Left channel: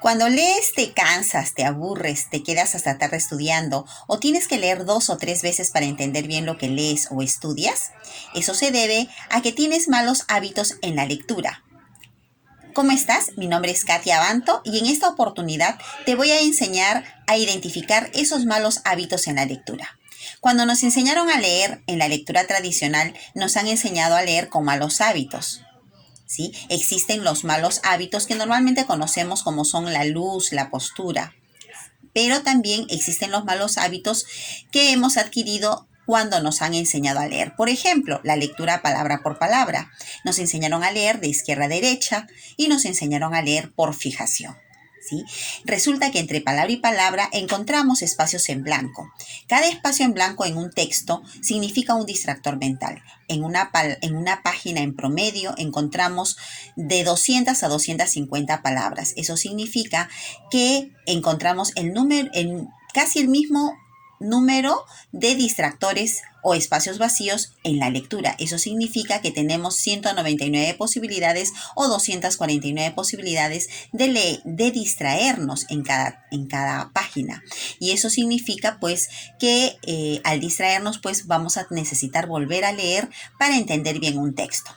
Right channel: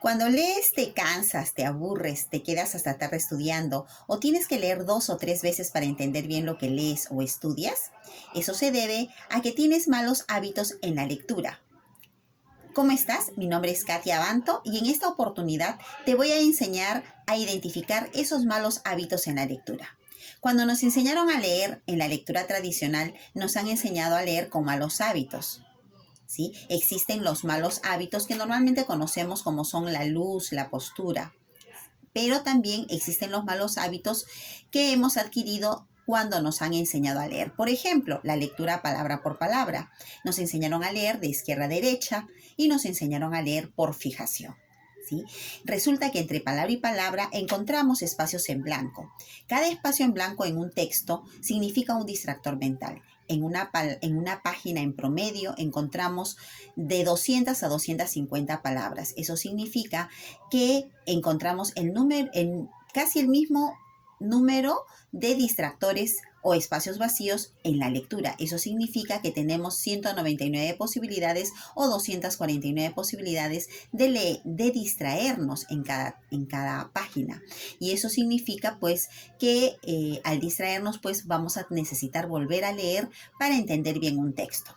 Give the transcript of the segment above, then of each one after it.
Cuando lees te cansas, te aburres, te quedas hasta tarde estudiando o tienes que leer 2 o 3 veces para entender bien lo que lees o estudias. Eso se debe a que tienes malos hábitos en la lectura. ¿Cómo estás? Mi nombre es Katia Abanto y en esta oportunidad te voy a enseñar a identificar esos malos hábitos en la lectura. Cuando nos enseñaron a leer en la lectura tradicional, nos han enseñado a leer con malos hábitos. ¿Sí? Existen los malos hábitos que normalmente conocemos como son la luz, la postura, pero también existen los malos hábitos que hemos adquirido cuando nos han enseñado a leer. Por ejemplo, la lectura palabra por palabra. Nos enseñaron a leer de izquierda a derecha y nos enseñaron a leer por fijación. ¿Sí? Resulta que entre palabra y palabra encontramos espacios en blanco. Cada espacio en blanco en un texto significa un distractor mental. En una página en promedio encontramos de 200 a 250 palabras. Eso significa que encontramos casi el mismo número de distractores o espacios vacíos en la lectura. Eso significa que tenemos 199 posibilidades o 249 posibilidades de distraernos en cada página. Y eso significa pues que al distraernos pues vamos a necesitar volver a leer para entender bien un texto.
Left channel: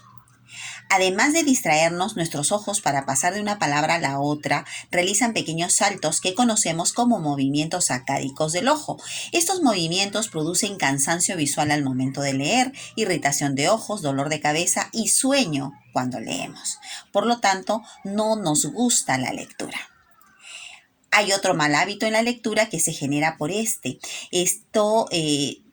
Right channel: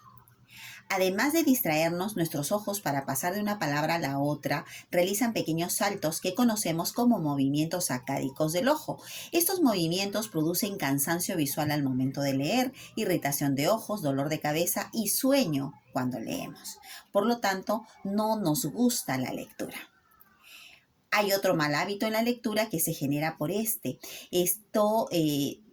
Además de distraernos, nuestros ojos para pasar de una palabra a la otra realizan pequeños saltos que conocemos como movimientos sacádicos del ojo. Estos movimientos producen cansancio visual al momento de leer, irritación de ojos, dolor de cabeza y sueño cuando leemos. Por lo tanto, no nos gusta la lectura. Hay otro mal hábito en la lectura que se genera por este. Esto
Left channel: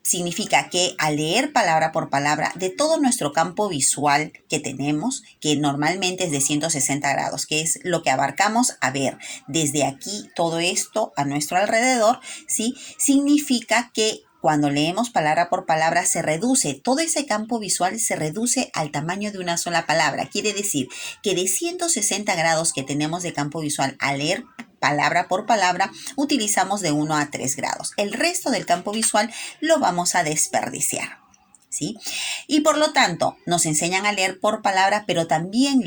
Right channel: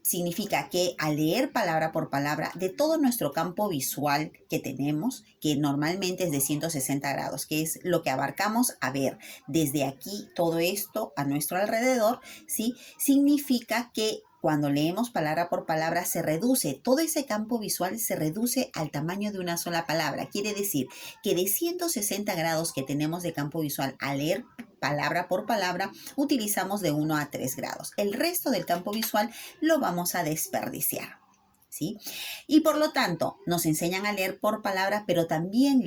significa que al leer palabra por palabra de todo nuestro campo visual que tenemos, que normalmente es de 160 grados, que es lo que abarcamos a ver desde aquí todo esto a nuestro alrededor, ¿sí? Significa que cuando leemos palabra por palabra se reduce, todo ese campo visual se reduce al tamaño de una sola palabra. Quiere decir que de 160 grados que tenemos de campo visual al leer palabra por palabra, utilizamos de 1 a 3 grados. El resto del campo visual lo vamos a desperdiciar. ¿Sí? Y por lo tanto, nos enseñan a leer por palabra, pero también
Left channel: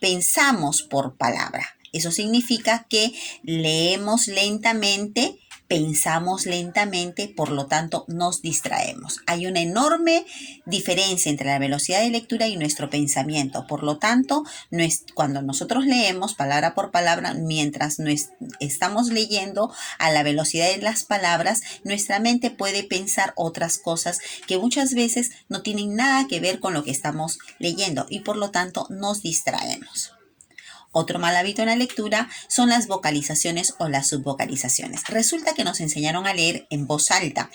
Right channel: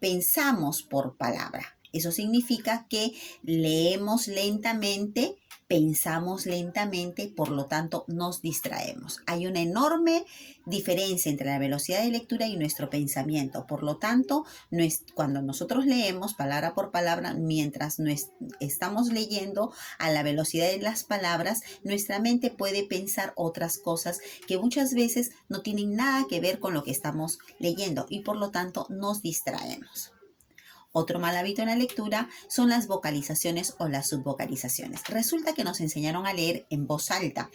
pensamos por palabra. Eso significa que leemos lentamente, pensamos lentamente, por lo tanto nos distraemos. Hay una enorme diferencia entre la velocidad de lectura y nuestro pensamiento. Por lo tanto, cuando nosotros leemos palabra por palabra, mientras estamos leyendo a la velocidad de las palabras, nuestra mente puede pensar otras cosas que muchas veces no tienen nada que ver con lo que estamos leyendo y por lo tanto nos distraemos. Otro mal hábito en la lectura son las vocalizaciones o las subvocalizaciones. Resulta que nos enseñaron a leer en voz alta,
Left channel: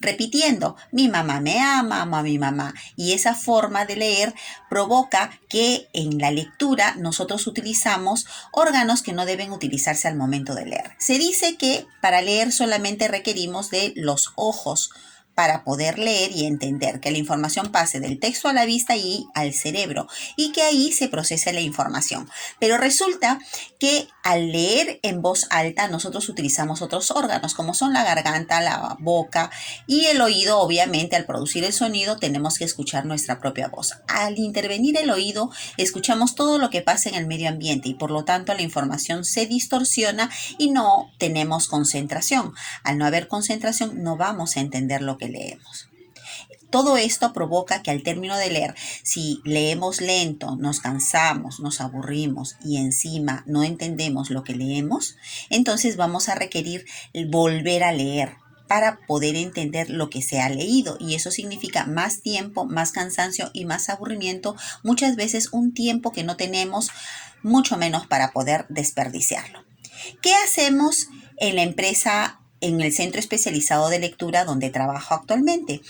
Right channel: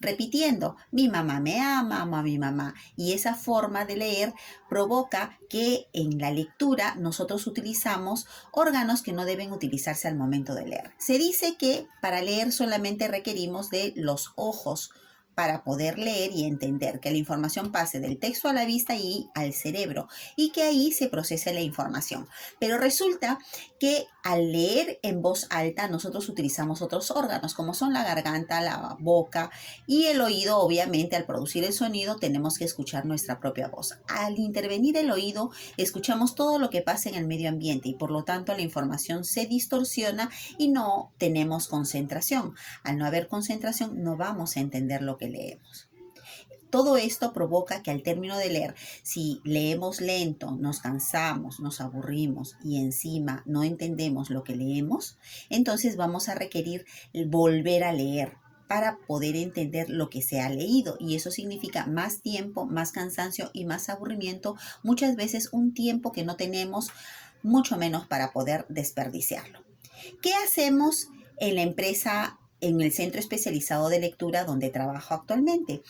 repitiendo, mi mamá me ama, amo a mi mamá. Y esa forma de leer provoca que en la lectura nosotros utilizamos órganos que no deben utilizarse al momento de leer. Se dice que para leer solamente requerimos de los ojos para poder leer y entender, que la información pase del texto a la vista y al cerebro y que ahí se procese la información. Pero resulta que al leer en voz alta nosotros utilizamos otros órganos como son la garganta, la boca y el oído. Obviamente al producir el sonido tenemos que escuchar nuestra propia voz. Al intervenir el oído escuchamos todo lo que pasa en el medio ambiente y por lo tanto la información se distorsiona y no tenemos concentración. Al no haber concentración no vamos a entender lo que leemos. Todo esto provoca que al término de leer, si leemos lento, nos cansamos, nos aburrimos y encima no entendemos lo que leemos, entonces vamos a requerir volver a leer para poder entender lo que se ha leído. Y eso significa más tiempo, más cansancio y más aburrimiento. Muchas veces un tiempo que no tenemos, mucho menos para poder desperdiciarlo. ¿Qué hacemos en la empresa, en el centro especializado de lectura donde trabajo actualmente?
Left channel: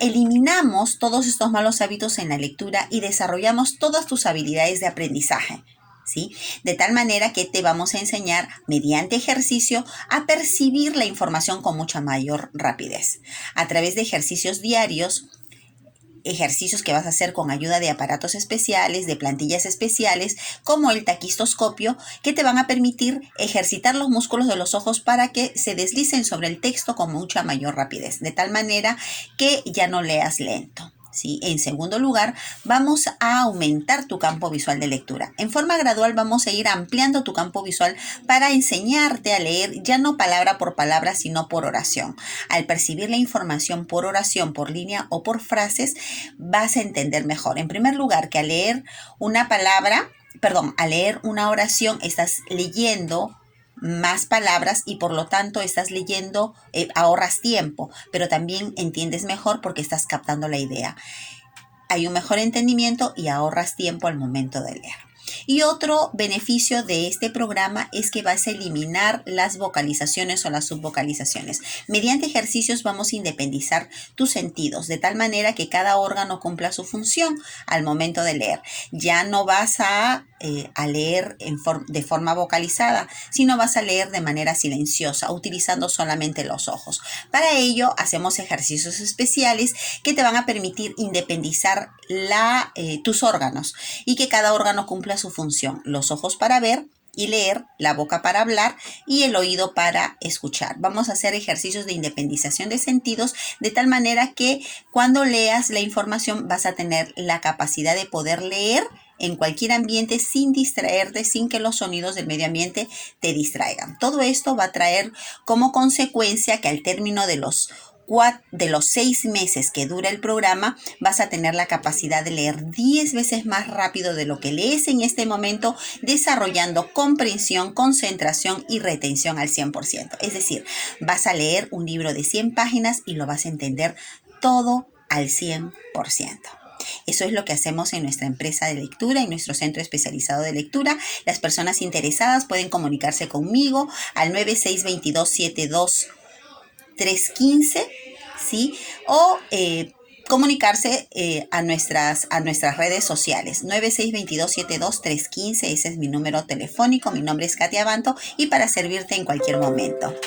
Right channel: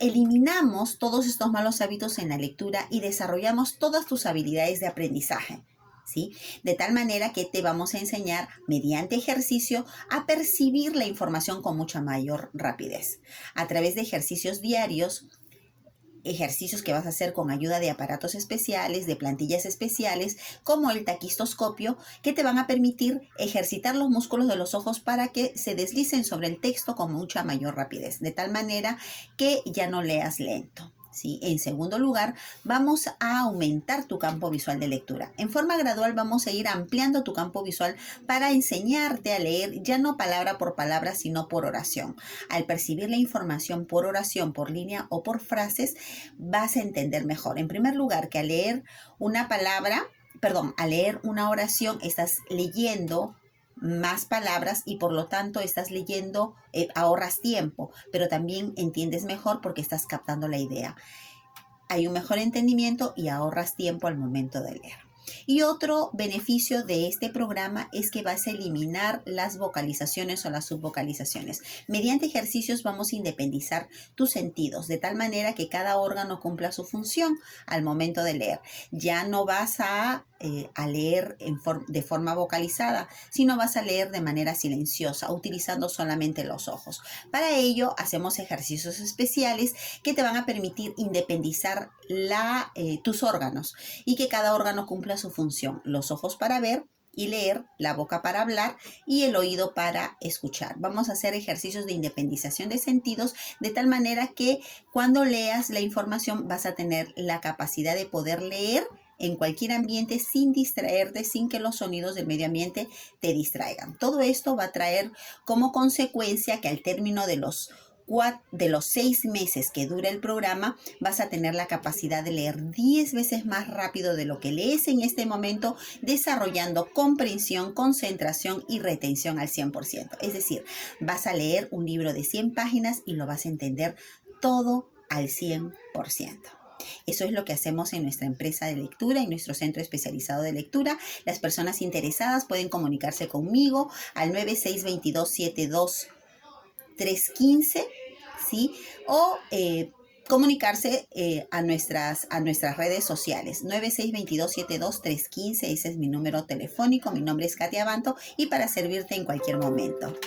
Eliminamos todos estos malos hábitos en la lectura y desarrollamos todas tus habilidades de aprendizaje. ¿Sí? De tal manera que te vamos a enseñar mediante ejercicio a percibir la información con mucha mayor rapidez. A través de ejercicios diarios, ejercicios que vas a hacer con ayuda de aparatos especiales, de plantillas especiales, como el taquistoscopio, que te van a permitir ejercitar los músculos de los ojos para que se deslicen sobre el texto con mucha mayor rapidez, de tal manera que ya no leas lento. ¿sí? En segundo lugar, vamos a aumentar tu campo visual de lectura. En forma gradual vamos a ir ampliando tu campo visual para enseñarte a leer ya no palabra por palabra, sino por oración. Al percibir la información por oración, por línea o por frases, vas a entender mejor. En primer lugar, que al leer al leer una oración, estás leyendo más palabras y por lo tanto estás leyendo, ahorras tiempo, pero también entiendes mejor porque estás captando la idea. Hay un mejor entendimiento y ahorras tiempo al momento de leer. Y otro beneficio de este programa es que vas a eliminar las vocalizaciones o las subvocalizaciones. Mediante ejercicios vamos a independizar tus sentidos de tal manera que cada órgano cumpla su función al momento de leer. Ya no vas a leer de forma vocalizada, sino vas a leer de manera silenciosa, utilizando solamente los ojos. Para ello hacemos ejercicios especiales que te van a permitir independizar tus órganos y que cada órgano cumpla su función. Los ojos para ver y leer, la boca para hablar y el oído para escuchar. Vamos a hacer ejercicios de independización de sentidos de tal manera que cuando leas la información vas a tener la capacidad de poder leer en cualquier ambiente sin distraerte, sin que los sonidos del medio ambiente te distraigan. Todo esto va a traer como consecuencia que al término de los 6 meses que dura el programa, vas a tener la capacidad de leer 10 veces más rápido de lo que lees en este momento, desarrollando comprensión, concentración y retención al 100%. Es decir, vas a leer un libro de 100 páginas y lo vas a entender todo al 100%. Eso es lo que hacemos en nuestra empresa de lectura, en nuestro centro especializado de lectura. Las personas interesadas pueden comunicarse conmigo al 9622-72-315, ¿sí? O comunicarse a nuestras redes sociales. 9622-72-315, ese es mi número telefónico. Mi nombre es Katia Banto y para servirte en cualquier momento.